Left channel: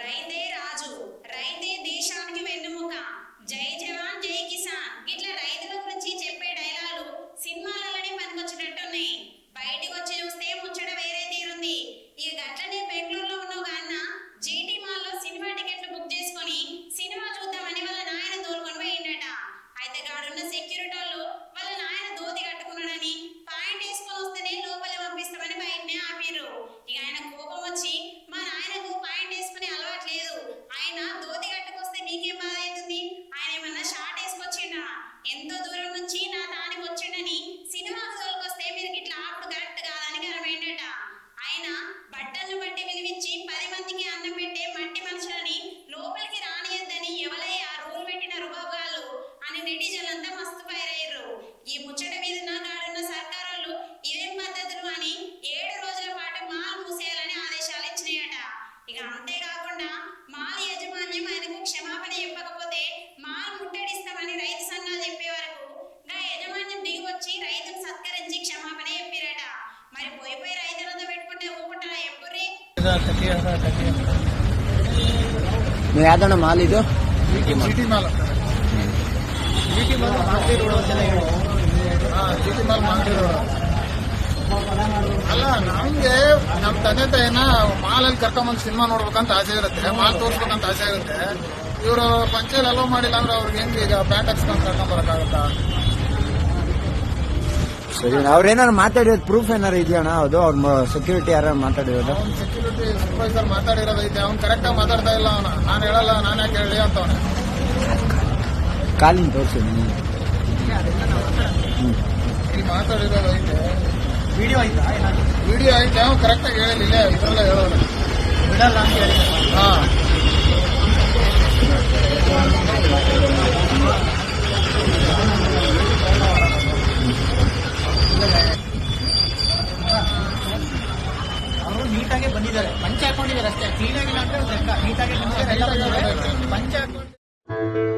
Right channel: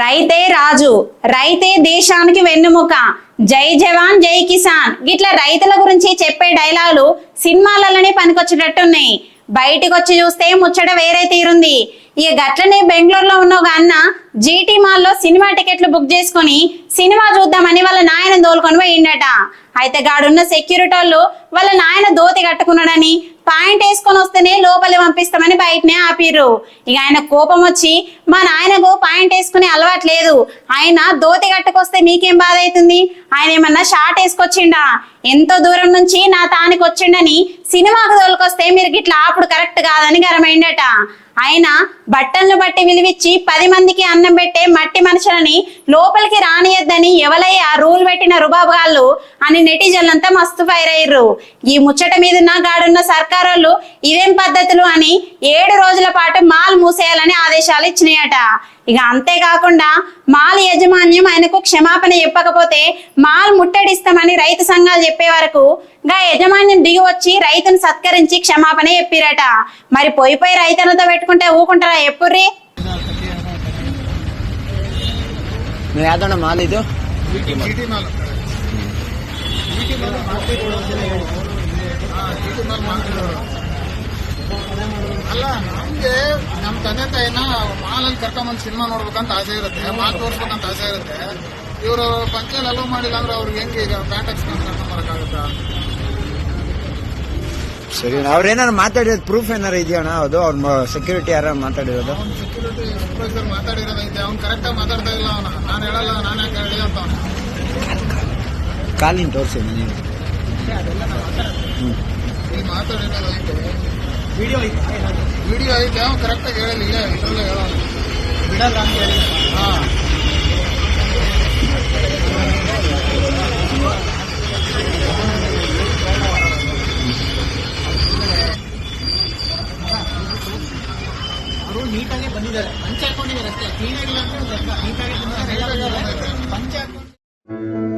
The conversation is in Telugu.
రైతే రాజు రైతే దేశానికి వెన్నుముక. జై జవాన్ జై కిసాన్. గిట్ల రైతుల గురించి చెప్పే డైలాగులు సినిమాలలోనే పనికొచ్చేటట్టున్నాయి. బయటికి వచ్చి చూస్తే ముచ్చట వేరే తీరుంది. ఇక గట్లనే బెంగళూరులో ఉన్న ఒక అన్న జీటీ మాల్లో సినిమా టికెట్లు బుక్ చేసుకొని సినిమా చూద్దామని వాళ్ళ నాయన దోలుకొని పోయిండట. అయితే గాడున్న సెక్యూరిటీ వాళ్ళు వాళ్ళ నాయన దోతి కట్టుకున్నాడని పాయింట్ వేసుకొని వస్తేనే లోపలి పంపిస్తామని బయటనే ఆపిర్రు. ఇక ఆయన కోపం వచ్చి మా నాయనకు పాయింట్ వేసుకునే అలవాటు లేదు. ఆయన దోతి కట్టుకొస్తే మీకేం బాధ అవుతుంది ఆయన ఏమన్నా షార్ట్ వేసుకొచ్చిండా? ఎంతో దూరం నుంచి నా తానికి వచ్చిండని సినిమాకు తోలుకొస్తే మీరు గిట్లా ఆపుడు కరెక్ట్ కాదని గరమైండట ఆయన బట్టలను బట్టి విలువిచ్చి పది మందికి అన్నం పెట్టే మట్టి మనుషులని లోపలికి రానియద్దని ఆ రూల్ పెట్టిన రుబాబుగాళ్ళు అని నెటిజన్లంతా మస్తు ఫైర్ అయ్యారు ఈ ముచ్చట మీద గాడున్న సర్కారోళ్ళు ఇవేం పద్ధతులు అని ఏడు రోజుల పాటు మాల్ మూసేయాలని ఆదేశాలు ఇచ్చినాయట. ఇక అంతేకాకుండా మా యాజమాన్యం ఆయనకు క్షమాపణ చెప్పకపోతే మాల్ ముట్టడిస్తామని రైతు సంఘాలు చెప్పే వరకు గా యజమాన్యం దిగి వచ్చి రైతును సత్కరించి క్షమాపణ చెప్పిరట. మరి పోయి పోయి రైతన్నతో పెట్టుకుంటే ఊకుంటారా ఎప్పుర్రి? ನೀವು ನಮ್ಗೆ ನಮ್ ತಂದೆ ತಾಯಿನ ಮಾಲಲ್ಲಿ ಕರ್ಕೊಂಬಂದು ಸಿನಿಮಾ ನೋಡ್ಬೇಕಂತ ಆಸೆ ಇರುತ್ತೆ. ಮಾಲ್ ತೋರಿಸ್ಬೇಕಂತ ಆಸೆ ಇರುತ್ತೆ. ಇವರು ಪಂಚಾಯತ್ ಅಲೋ ಮಾಡಿಲ್ಲ ಅಂದ್ರೆ ಅವ್ರಿಗೆ ಹೆಂಗೆ ಈಗ ಬ್ಯಾಂಕ್ ಹಚ್ಕೊಂಡು ಕರ್ಕೊಂಬರಕ್ಕಾಗುತ್ತೆ ಸರಿ ಅವ್ರೇನಾರು ಮಾತಾಡಿರೋದು ಪ್ರೂಫ್ ಏನಾರು ಇದೆಯಣ್ಣ? ಅದು ಅವ್ರ ಸೆಕ್ಯೂರಿಟಿ ಯಾರು ಮಾತಾಡಿರೋದು? ಸೆಕ್ಯೂರಿಟಿ ಸೂಪರ್ವೈಸರ್ ಮಾತಾಡಿರೋದೈತೆ ಅವ್ನು ಕರೆಕ್ಟಾಗಿ ಮಾತಾಡ್ತಾ ಇಲ್ಲ ಅವನು. ನಾನು ಹೇಳಲ್ಲ ನಾನೇ ಹೇಳಿ ಅಂತ. ಕಾಲಿನ ತೋರಿಸಿ ಹ್ಞೂ ಮಾತಾಡಿರೋದೈತೆ ವಿಡಿಯೋ ವಿಡಿಯೋ ಐತೆ ಅವ್ನು ಕರೆಕ್ಟಾಗಿ ಹೇಳಿಲ್ಲ ಇಲ್ಲ ಹೇಳೋದು ಬಿಡಲ್ಲ ಅಂತ ಹೇಳಿ ಹಾಂ ಅವರು ನೀಟಾಗಿ ಬಂದಿದ್ದಾರೆ ಪಂಚ ಹಾಕೊಂಡಿದ್ದಾರೆ ಅಷ್ಟೇ ಕ್ಲೀನ್ ಆಗಿಲ್ಲ ಅಂದ್ರೆ ನೀಟಾಗಿ ಬಂದಿದ್ದಾರೆ ಎಲ್ಲ ಬಂದಿದ್ದಾರೆ ಪಂಚ ಹಾಕೊಂಡು